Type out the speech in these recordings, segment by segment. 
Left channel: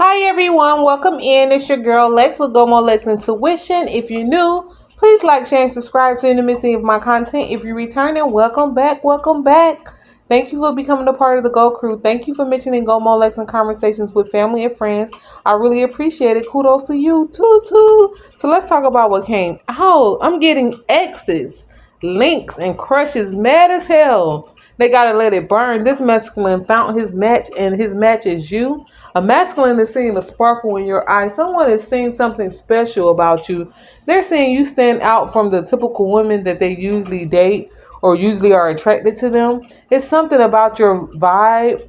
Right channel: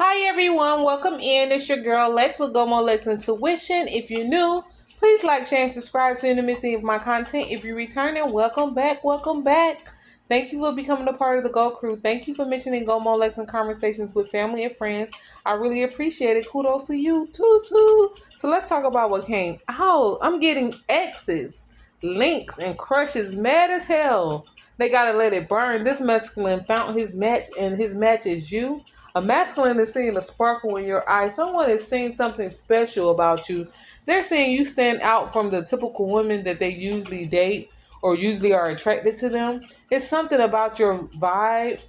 Hi everyone, welcome in. It's your girl Lex with Go More Lex Intuition. If you're new, please like, share, and subscribe to the any of my content. If you're returning, welcome back, welcome back. Thank you for becoming a part of the Go Crew. Thank you for mentioning Go More Lex and conversations with family and friends. I really appreciate it. Kudos to you, too. So let's talk about what came out. I'm getting exes, links, and crushes mad as hell. They gotta let it burn. This masculine found his match, and his match is you. A masculine is seeing a sparkle in your eye. Someone is seeing something special about you. They're saying you stand out from the typical women that they usually date or usually are attracted to them. It's something about your vibe,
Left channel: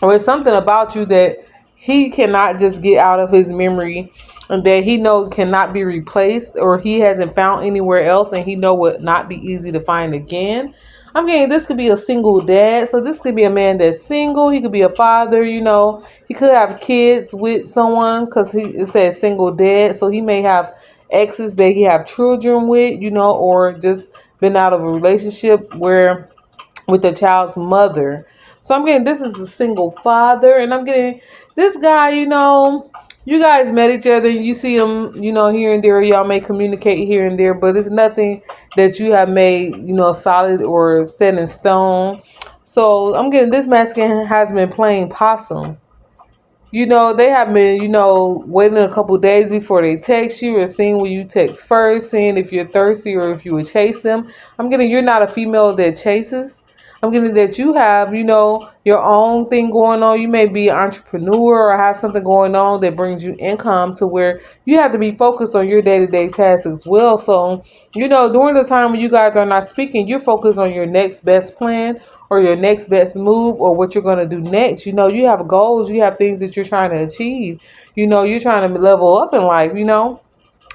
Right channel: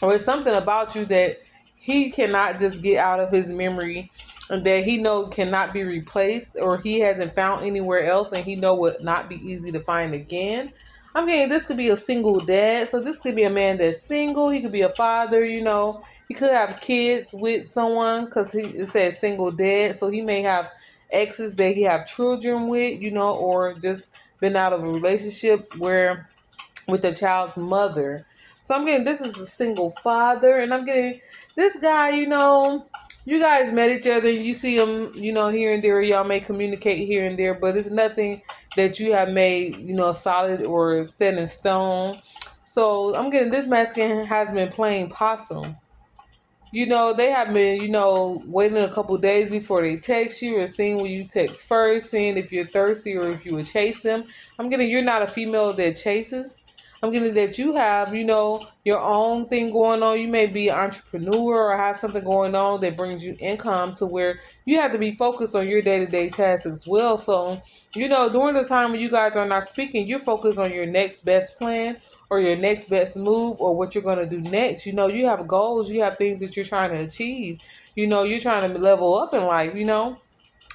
or it's something about you that he cannot just get out of his memory, and that he know cannot be replaced, or he hasn't found anywhere else, and he know would not be easy to find again. I'm getting this could be a single dad, so this could be a man that's single. He could be a father, he could have kids with someone because it says single dad, so he may have exes that he have children with, or just been out of a relationship where with the child's mother. So I'm getting this is a single father, and I'm getting this guy, you guys met each other, you see him, here and there, y'all may communicate here and there, but it's nothing that you have made, solid or set in stone. So I'm getting this masculine has been playing possum. They have been, waiting a couple days before they text you, or seeing when you text first, seeing if you're thirsty or if you would chase them. I'm getting you're not a female that chases. I'm getting that you have, your own thing going on. You may be an entrepreneur or have something going on that brings you income to where you have to be focused on your day-to-day tasks as well. So, during the time when you guys are not speaking, you're focused on your next best plan or your next best move or what you're going to do next. You have goals, you have things that you're trying to achieve. You're trying to level up in life.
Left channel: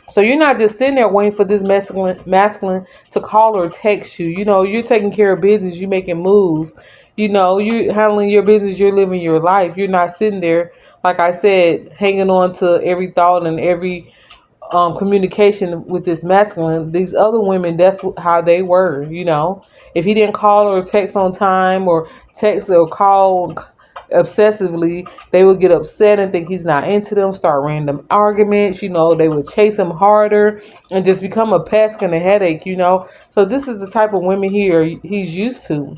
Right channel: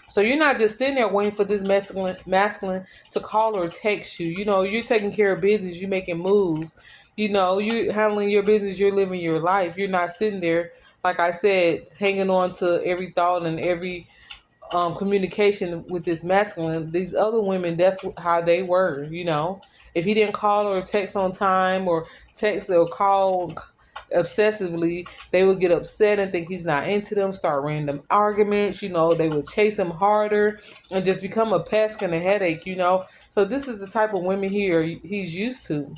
So you're not just sitting there waiting for this masculine to call or text you. You're taking care of business, you're making moves. You're handling your business, you're living your life. You're not sitting there, like I said, hanging on to every thought and every communication with this masculine. These other women, that's how they were. If he didn't call or text on time, or text or call obsessively, they would get upset and think he's not into them, start random arguments. They would chase him harder and just become a pest and a headache. So this is the type of women he's used to.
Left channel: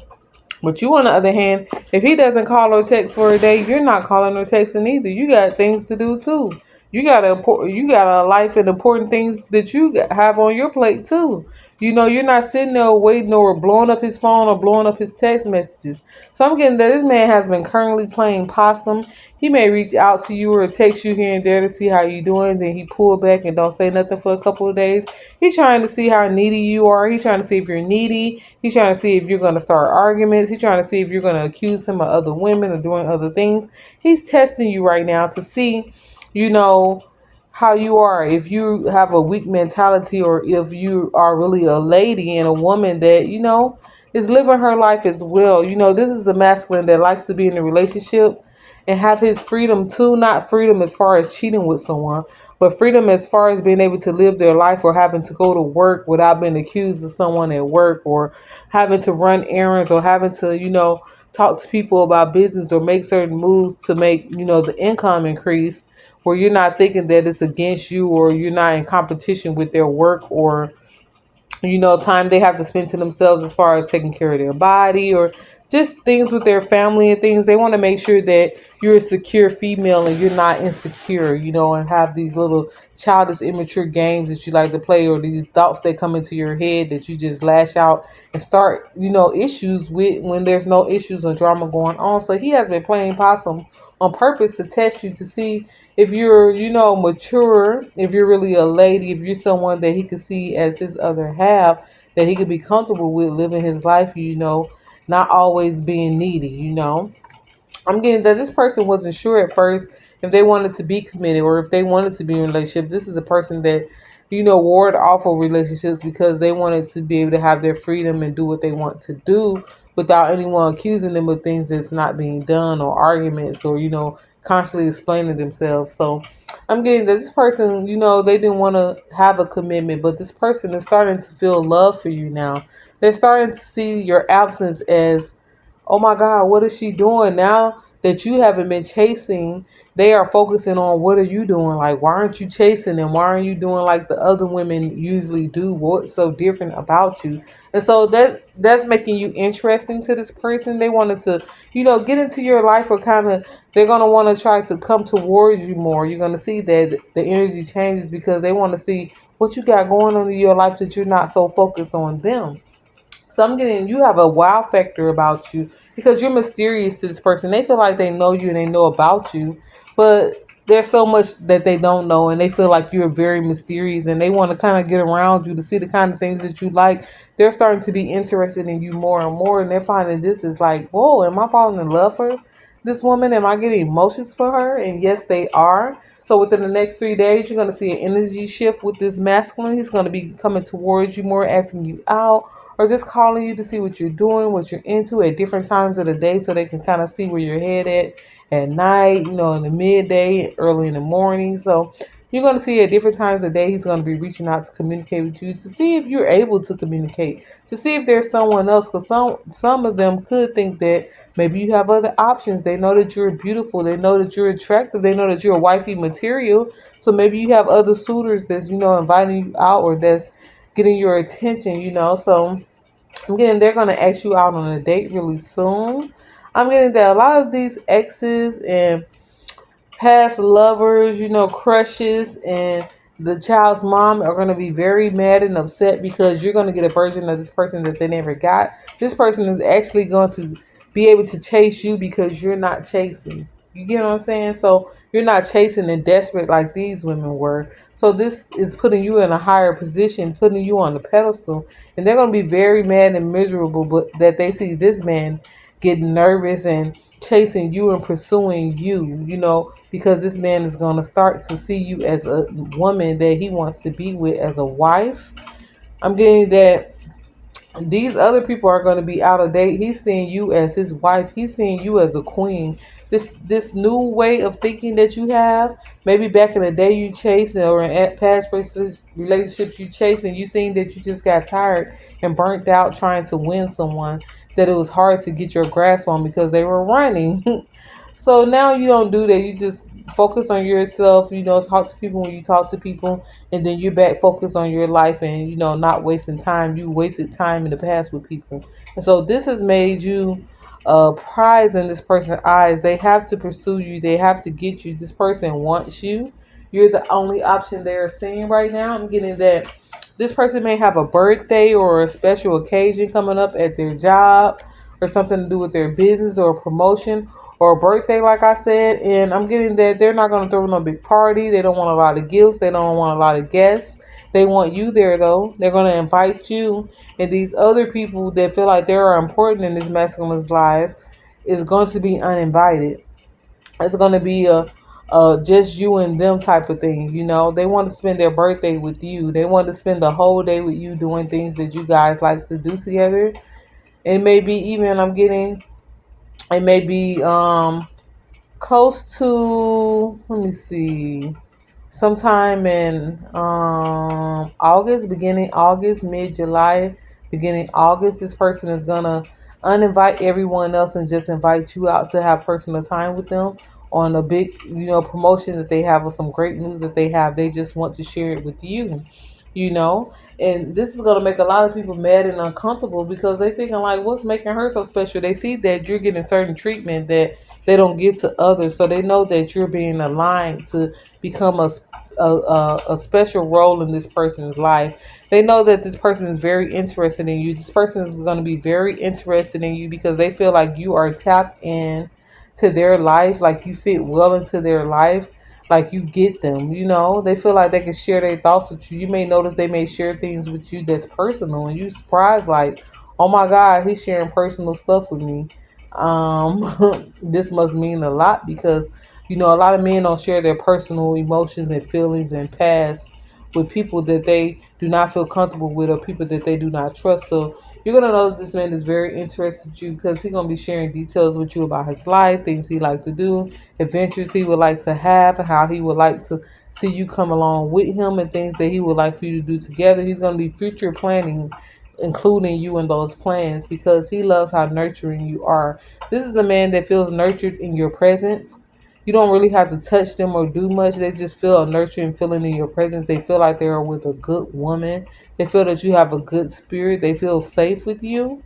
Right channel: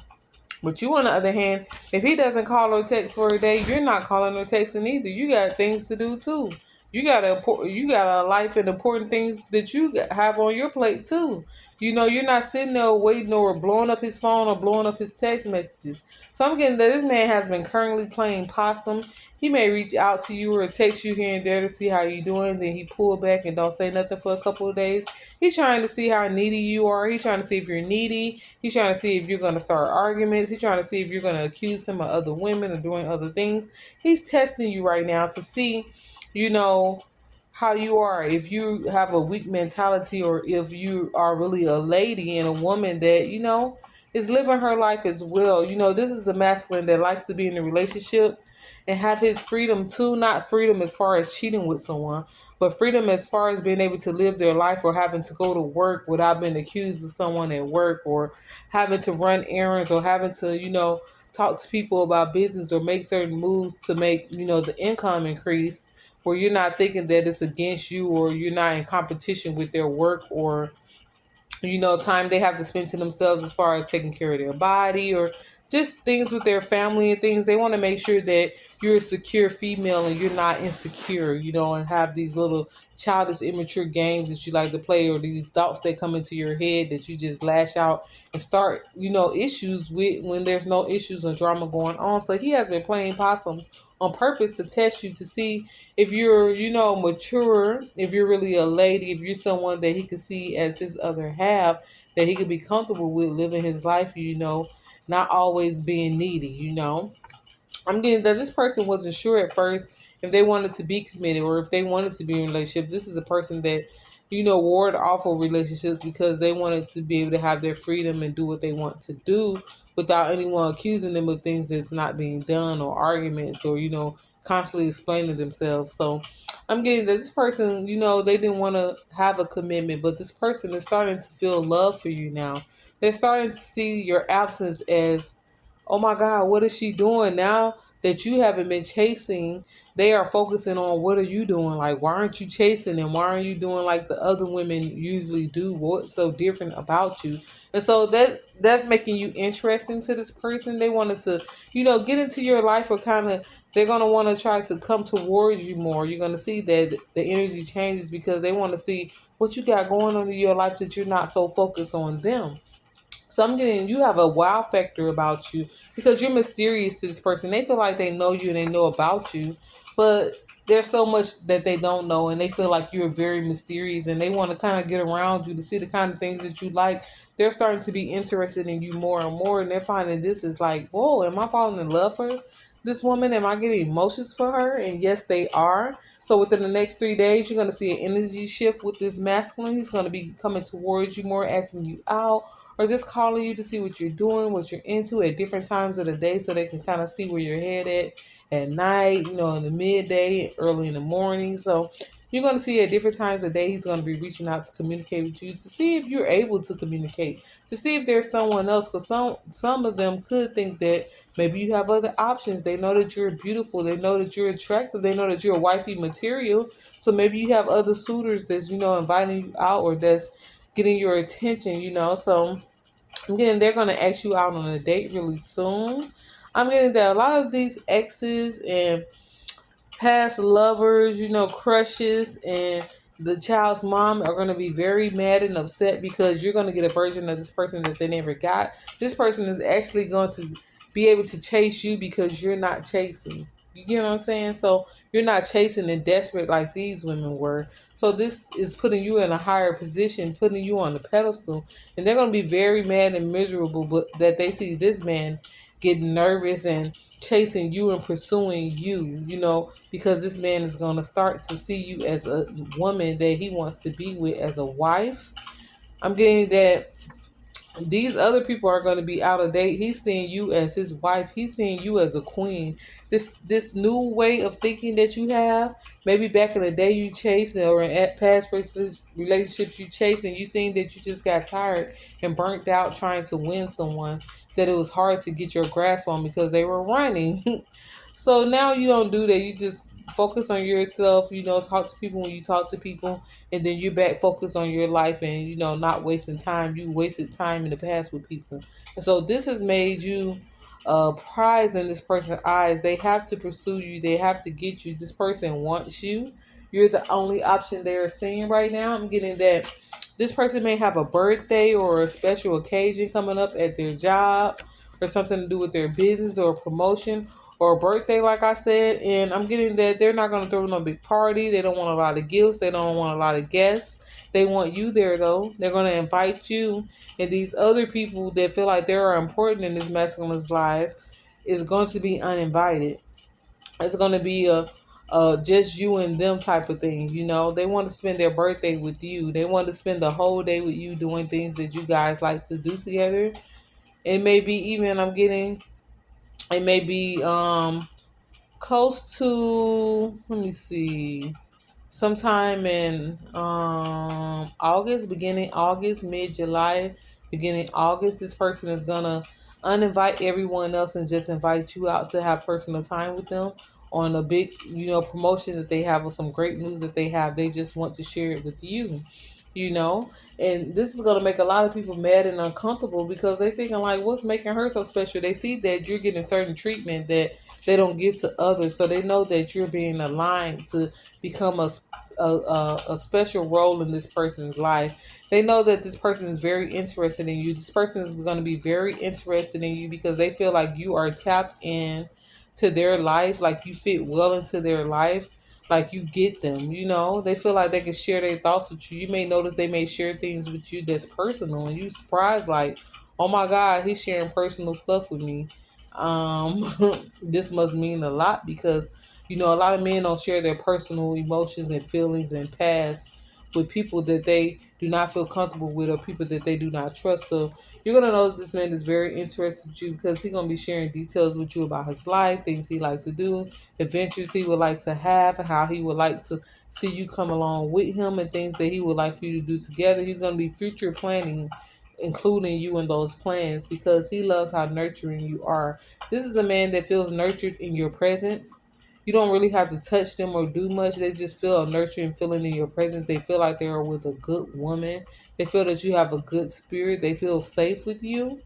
But you, on the other hand, if he doesn't call or text for a day, you're not calling or texting either. You got things to do too. You got a life and important things that have on your plate too. You're not sitting there waiting or blowing up his phone or blowing up his text messages. So I'm getting that this man has been currently playing possum. He may reach out to you or text you here and there to see how you doing. Then he pull back and don't say nothing for a couple of days. He's trying to see how needy you are. He's trying to see if you're needy. He's trying to see if you're going to start arguments. He's trying to see if you're going to accuse him of other women or doing other things. He's testing you right now to see, you know, how you are. If you have a weak mentality, or if you are really a lady and a woman that, is living her life as well. This is a masculine that likes to be in a relationship and have his freedom too. Not freedom as far as cheating with someone, but freedom as far as being able to live their life or having to go to work without being accused of someone at work, or having to run errands, or having to, talk to people about business or make certain moves to make, the income increase, where you're not thinking that it's against you, or you're not in competition with their work, or time they have to spend to themselves as far as taking care of their body, or just things with their family and things. They want to make sure that you're a secure female and you're not insecure, and have these little childish, immature games that you like to play, or these thoughts that come into your head that you just lash out and start, issues with when there's no issues or drama going on. So he has been playing possum on purpose to test you to see if you're, mature, if you're really a lady, if you're someone that he could see as his other half, that he could be comfortable with living his life, not always being needy. I'm getting that this person wasn't sure at first if they wanted to be committed or if they wanted to be in a relationship. This is a person that, ward off of relationships because they wanted to be able to have their freedom and do what they want to do without anyone accusing them of things that's not being done, or arguments, or, constantly explaining themselves. So I'm getting that this person, they didn't want to have a commitment, but this person is starting to feel love for you now. They're starting to see your absence as, oh my God, what is she doing now? that you haven't been chasing, they are focusing on what are you doing? Like, why aren't you chasing them? Why aren't you doing like the other women usually do? What's so different about you? And so that's making you interesting to this person. They wanted to, get into your life, or kind of they're gonna want to try to come towards you more. You're gonna see that the energy changes because they want to see what you got going on in your life, that you're not so focused on them. So I'm getting, you have a wow factor about you because you're mysterious to this person. They feel like they know you and they know about you, but there's so much that they don't know, and they feel like you're very mysterious, and they want to kind of get around you to see the kind of things that you like. They're starting to be interested in you more and more, and they're finding this is like, whoa, am I falling in love for this woman? Am I getting emotions for her? And yes, they are. So within the next 3 days, you're going to see an energy shift with this masculine. He's going to be coming towards you more, asking you out, or just calling you to see what you're doing, what you're into at different times of the day, so they can kind of see where your head at night, in the midday, early in the morning. So you're going to see at different times of day, he's going to be reaching out to communicate with you, to see if you're able to communicate, to see if there's someone else, because some of them could think that maybe you have other options. They know that you're beautiful. They know that you're attractive. They know that you're wifey material. So maybe you have other suitors that's, inviting you out, or that's getting your attention. So I'm getting they're gonna ask you out on a date really soon. I'm getting that a lot of these exes and past lovers, crushes, and the child's mom are going to be very mad and upset because you're going to get a version of this person that they never got. This person is actually going to be able to chase you because you're not chasing. You get what I'm saying? So you're not chasing and desperate like these women were. So this is putting you in a higher position, putting you on the pedestal, and they're going to be very mad and miserable, but that they see this man getting nervous and chasing you and pursuing you, because this man is going to start to see you as a woman that he wants to be with, as a wife. I'm getting that these other people are going to be out of date. He's seeing you as his wife. He's seeing you as a queen. This new way of thinking that you have, maybe back in the day you chased, or in past relationships you chased, and you seen that you just got tired and burnt out trying to win someone, that it was hard to get your grasp on because they were running. So now you don't do that. You just focus on yourself, talk to people when you talk to people, and then you're back focused on your life, and, not wasting time. You wasted time in the past with people. And so this has made you a prize in this person's eyes. They have to pursue you. They have to get you. This person wants you. You're the only option they're seeing right now. I'm getting that this person may have a birthday or a special occasion coming up at their job, or something to do with their business, or a promotion, or a birthday, like I said. And I'm getting that they're not going to throw no big party. They don't want a lot of gifts. They don't want a lot of guests. They want you there, though. They're going to invite you. And these other people that feel like they are important in this masculine's life is going to be uninvited. It's going to be a just you and them type of thing. They want to spend their birthday with you. They want to spend the whole day with you, doing things that you guys like to do together. It may be even, I'm getting, it may be close to, let me see, sometime in August, beginning August, mid July, beginning August. This person is gonna uninvite everyone else and just invite you out to have personal time with them on a big, promotion that they have, or some great news that they have. They just want to share it with you, you know. And this is gonna make a lot of people mad and uncomfortable because they thinking like, what's making her so special? They see that you're getting certain treatment that they don't give to others, so they know that you're being aligned to become a special role in this person's life. They know that this person is very interested in you. This person is going to be very interested in you because they feel like you are tapped in to their life, like you fit well into their life, like you get them. They feel like they can share their thoughts with you. You may notice they may share things with you that's personal, and you surprised like, oh my God, he's sharing personal stuff with me. This must mean a lot because a lot of men don't share their personal emotions and feelings and past with people that they do not feel comfortable with, or people that they do not trust. So you're gonna know that this man is very interested in you because he's gonna be sharing details with you about his life, things he like to do, adventures he would like to have, and how he would like to see you come along with him, and things that he would like for you to do together. He's gonna be future planning including you in those plans because he loves how nurturing you are. This is a man that feels nurtured in your presence. You don't really have to touch them or do much. They just feel a nurturing feeling in your presence. They feel like they are with a good woman. They feel that you have a good spirit. They feel safe with you.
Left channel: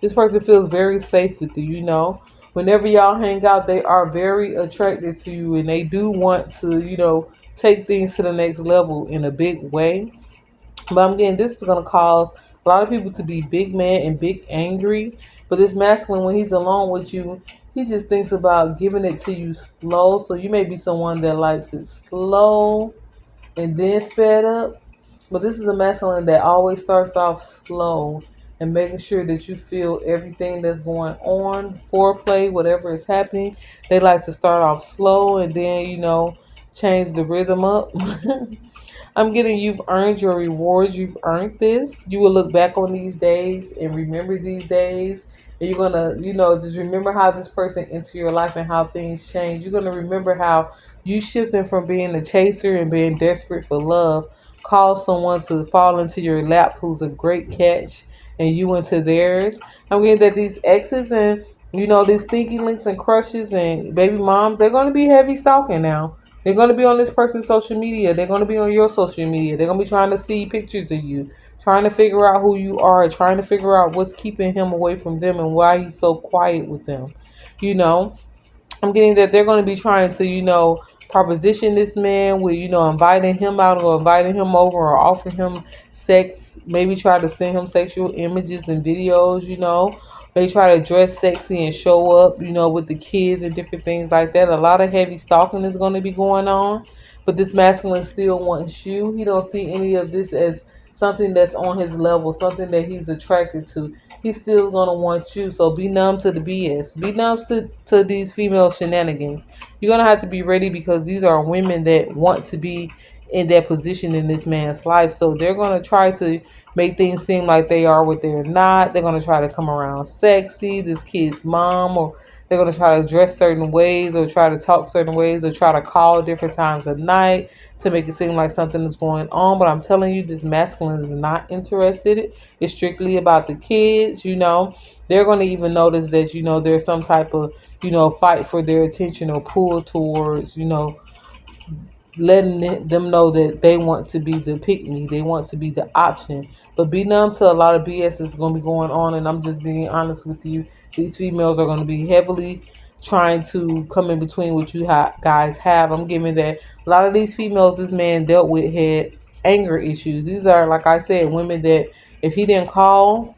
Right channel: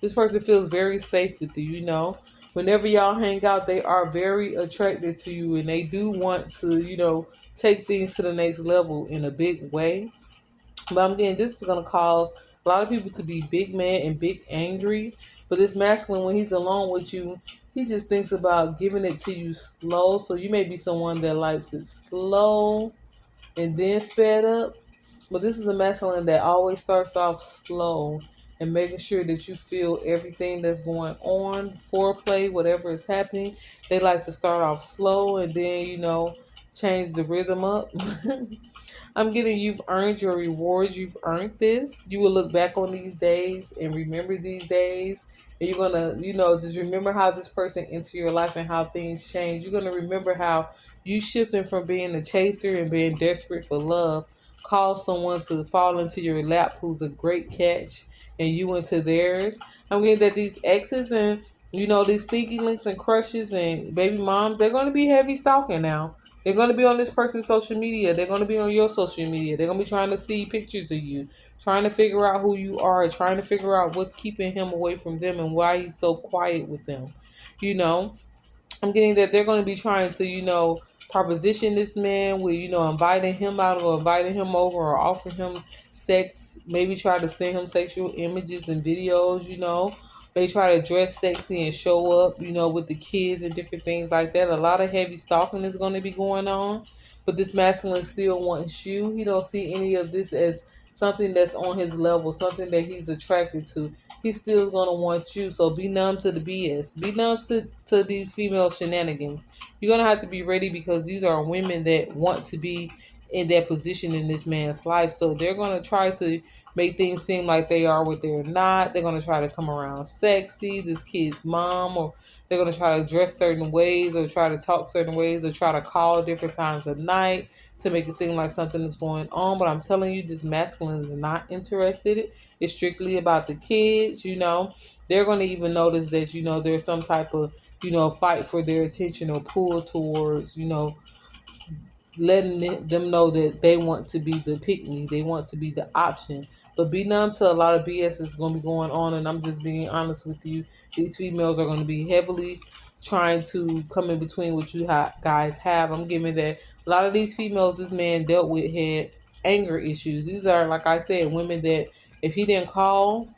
This person feels very safe with you, you know. Whenever y'all hang out, they are very attracted to you and they do want to, take things to the next level in a big way. But I'm getting this is gonna cause a lot of people to be big mad and big angry. But this masculine, when he's alone with you, he just thinks about giving it to you slow. So you may be someone that likes it slow and then sped up. But this is a masculine that always starts off slow and making sure that you feel everything that's going on, foreplay, whatever is happening. They like to start off slow and then, change the rhythm up. I'm getting you've earned your rewards. You've earned this. You will look back on these days and remember these days. And you're going to, just remember how this person entered your life and how things change. You're going to remember how you shifting from being a chaser and being desperate for love caused someone to fall into your lap who's a great catch and you into theirs. I'm getting that these exes and, these stinky links and crushes and baby moms, they're going to be heavy stalking now. They're going to be on this person's social media. They're going to be on your social media. They're going to be trying to see pictures of you, trying to figure out who you are, trying to figure out what's keeping him away from them and why he's so quiet with them. You know, I'm getting that they're going to be trying to, proposition this man with, inviting him out or inviting him over or offering him sex, maybe try to send him sexual images and videos, They try to dress sexy and show up, with the kids and different things like that. A lot of heavy stalking is going to be going on. But this masculine still wants you. He don't see any of this as something that's on his level, something that he's attracted to. He's still gonna want you. So be numb to the BS. Be numb to these female shenanigans. You're gonna have to be ready because these are women that want to be in that position in this man's life. So they're gonna try to make things seem like they are what they're not. They're gonna try to come around sexy, this kid's mom, or they're gonna try to dress certain ways or try to talk certain ways or try to call different times of night to make it seem like something is going on. But I'm telling you, this masculine is not interested. It's strictly about the kids, They're going to even notice that, there's some type of, fight for their attention or pull towards, letting them know that they want to be the pick me, they want to be the option. But be numb to a lot of BS that's going to be going on, and I'm just being honest with you. These females are going to be heavily trying to come in between what you guys have. I'm giving that a lot of these females this man dealt with had anger issues. These are, like I said, women that if he didn't call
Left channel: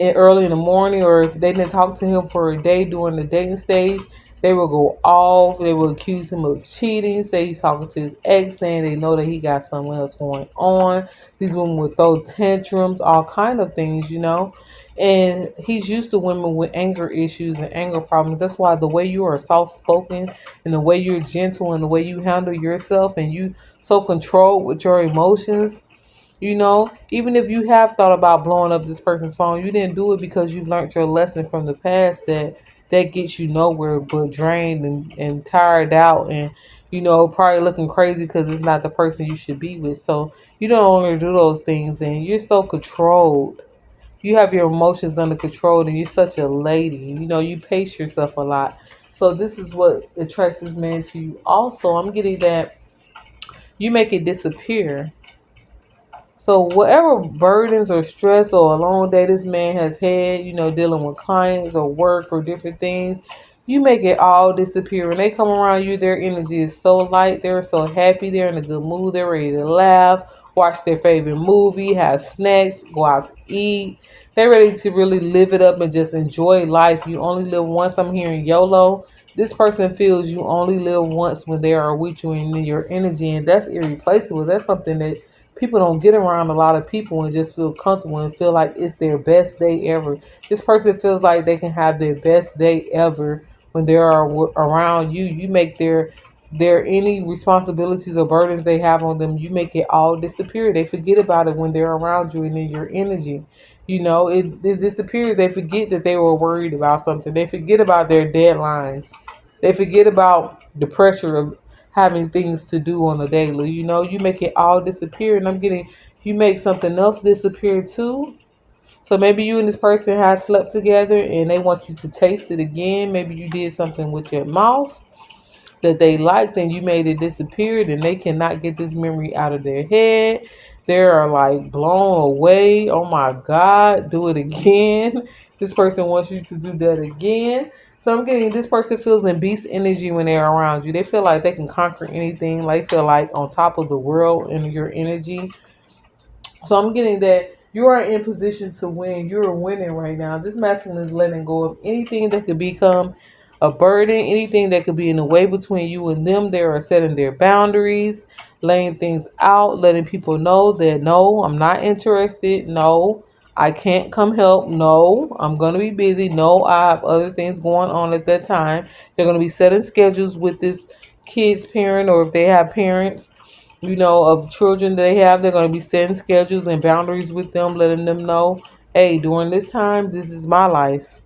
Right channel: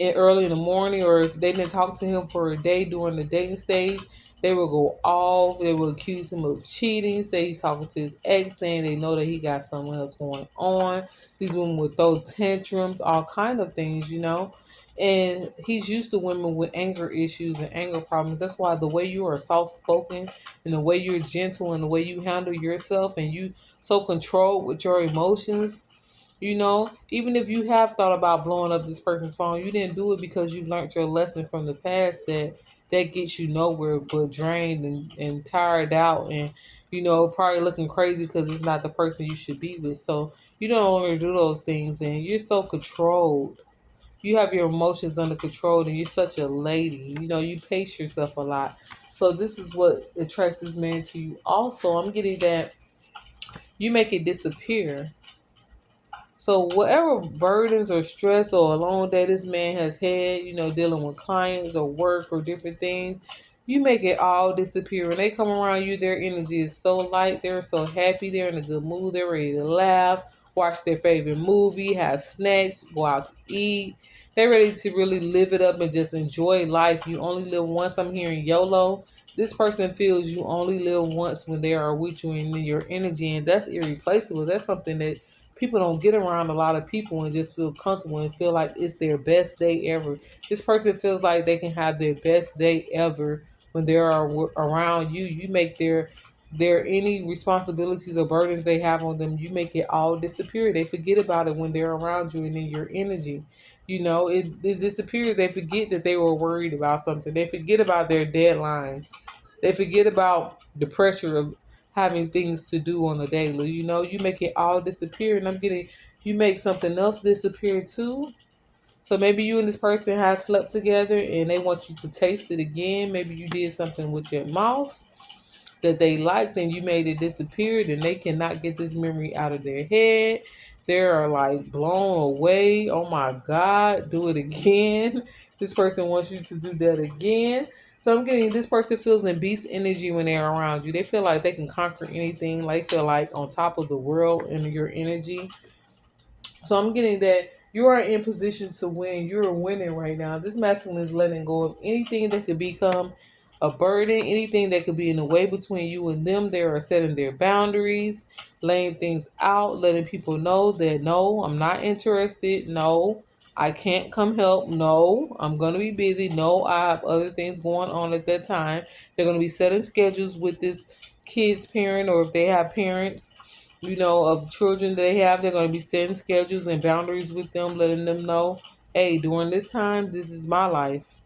early in the morning or if they didn't talk to him for a day during the dating stage, they will go off. They will accuse him of cheating, say he's talking to his ex, saying they know that he got something else going on. These women will throw tantrums, all kind of things, And he's used to women with anger issues and anger problems. That's why the way you are soft spoken and the way you're gentle and the way you handle yourself and you so controlled with your emotions, even if you have thought about blowing up this person's phone, you didn't do it because you've learned your lesson from the past that gets you nowhere but drained and tired out and, probably looking crazy because it's not the person you should be with. So you don't want to do those things and you're so controlled. You have your emotions under control and you're such a lady. You pace yourself a lot. So this is what attracts this man to you. Also, I'm getting that you make it disappear. So whatever burdens or stress or a long day this man has had, dealing with clients or work or different things, you make it all disappear. When they come around you, their energy is so light. They're so happy. They're in a good mood. They're ready to laugh, watch their favorite movie, have snacks, go out to eat. They're ready to really live it up and just enjoy life. You only live once. I'm hearing YOLO. This person feels you only live once when they are with you and in your energy, and that's irreplaceable. That's something that people don't get around a lot of people and just feel comfortable and feel like it's their best day ever. This person feels like they can have their best day ever when they are around you. You make their any responsibilities or burdens they have on them, you make it all disappear. They forget about it when they're around you and in your energy. It disappears. They forget that they were worried about something. They forget about their deadlines. They forget about the pressure of having things to do on a daily. You make it all disappear. And I'm getting you make something else disappear too. So maybe you and this person have slept together and they want you to taste it again. Maybe you did something with your mouth that they liked and you made it disappear and they cannot get this memory out of their head. They're like blown away. Oh my God, do it again. This person wants you to do that again. So I'm getting this person feels in beast energy when they're around you. They feel like they can conquer anything. Like feel like on top of the world in your energy. So I'm getting that you are in position to win. You're winning right now. This masculine is letting go of anything that could become a burden, anything that could be in the way between you and them. They are setting their boundaries, laying things out, letting people know that no, I'm not interested. No, I can't come help. No, I'm going to be busy. No, I have other things going on at that time. They're going to be setting schedules with this kid's parent, or if they have parents, of children they have. They're going to be setting schedules and boundaries with them, letting them know, hey, during this time, this is my life,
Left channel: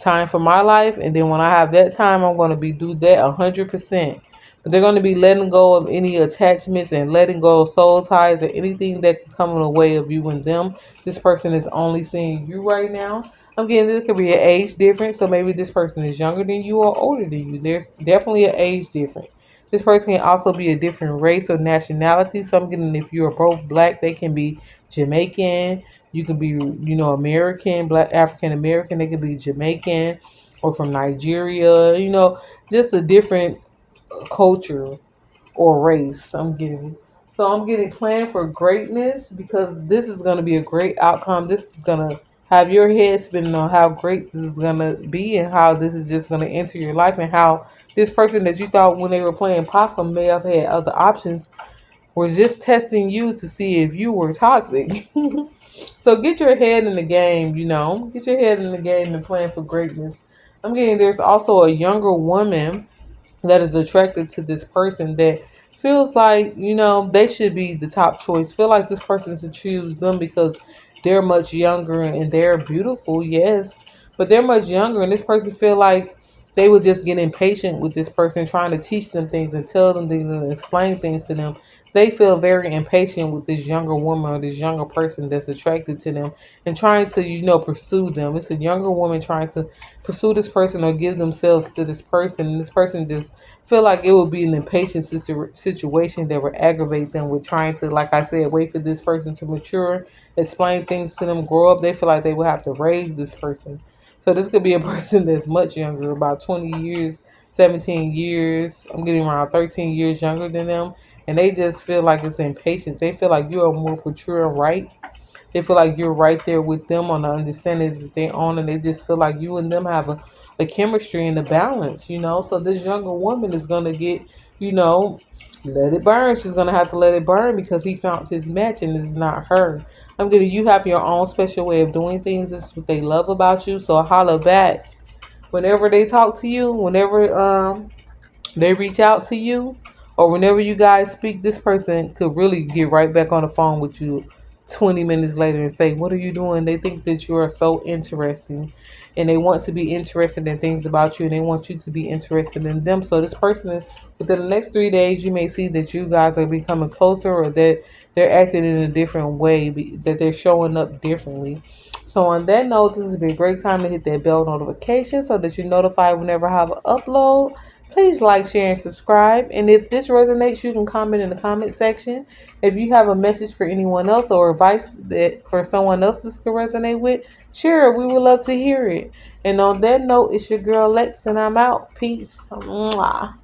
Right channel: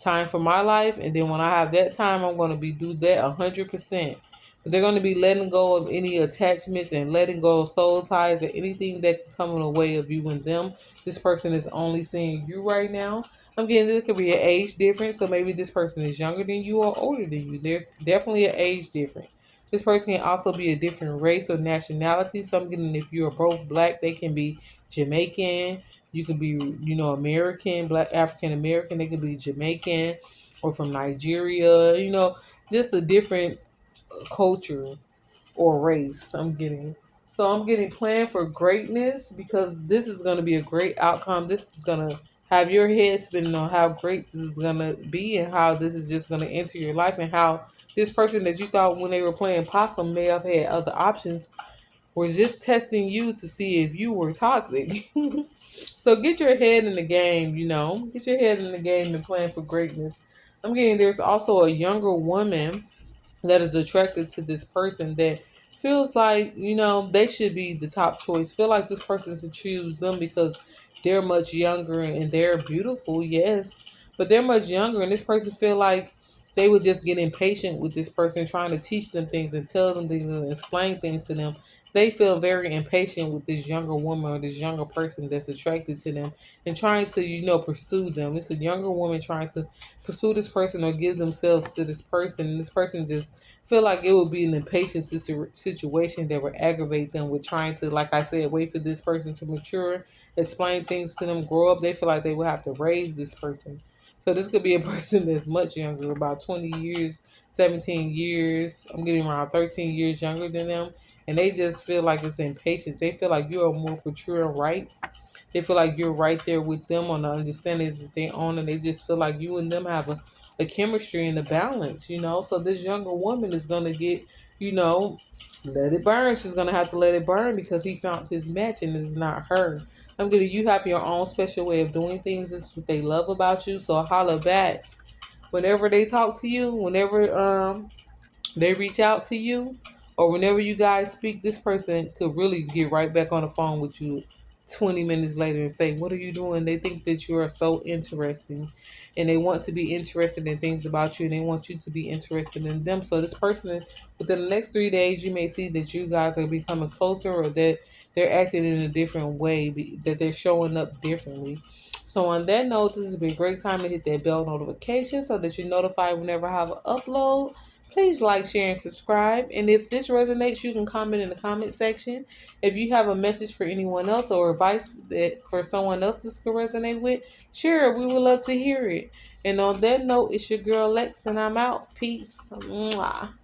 time for my life. And then when I have that time, I'm going to be do that 100%. But they're going to be letting go of any attachments and letting go of soul ties or anything that can come in the way of you and them. This person is only seeing you right now. I'm getting this could be an age difference. So maybe this person is younger than you or older than you. There's definitely an age difference. This person can also be a different race or nationality. So I'm getting if you are both black, they can be Jamaican. You can be, American, black, African American. They could be Jamaican or from Nigeria. Just a different culture or race. I'm getting. So I'm getting planned for greatness because this is going to be a great outcome. This is going to have your head spinning on how great this is going to be and how this is just going to enter your life and how this person that you thought when they were playing possum may have had other options was just testing you to see if you were toxic. So get your head in the game, get your head in the game and plan for greatness. I'm getting there's also a younger woman that is attracted to this person that feels like, they should be the top choice. Feel like this person should choose them because they're much younger and they're beautiful, yes. But they're much younger and this person feel like they would just get impatient with this person trying to teach them things and tell them things and explain things to them. They feel very impatient with this younger woman or this younger person that's attracted to them and trying to, pursue them. It's a younger woman trying to pursue this person or give themselves to this person. And this person just feel like it would be an impatient situation that would aggravate them with trying to, like I said, wait for this person to mature, explain things to them, grow up. They feel like they would have to raise this person. So this could be a person that's much younger, about 20 years, 17 years. I'm getting around 13 years younger than them. And they just feel like it's impatience. They feel like you are more mature and right. They feel like you're right there with them on the understanding that they own, and they just feel like you and them have a chemistry and a balance. So this younger woman is gonna get, let it burn. She's gonna have to let it burn because he found his match and it's not her. I'm gonna you have your own special way of doing things. This is what they love about you. So holla back. Whenever they talk to you, whenever they reach out to you, or whenever you guys speak, this person could really get right back on the phone with you 20 minutes later and say, what are you doing? They think that you are so interesting and they want to be interested in things about you and they want you to be interested in them. So this person, within the next 3 days, you may see that you guys are becoming closer or that they're acting in a different way, that they're showing up differently. So on that note, this would be a great time to hit that bell notification so that you're notified whenever I have an upload. Please like, share, and subscribe. And if this resonates, you can comment in the comment section. If you have a message for anyone else or advice that for someone else this could resonate with, share it. We would love to hear it. And on that note, it's your girl Lex, and I'm out. Peace. Mwah.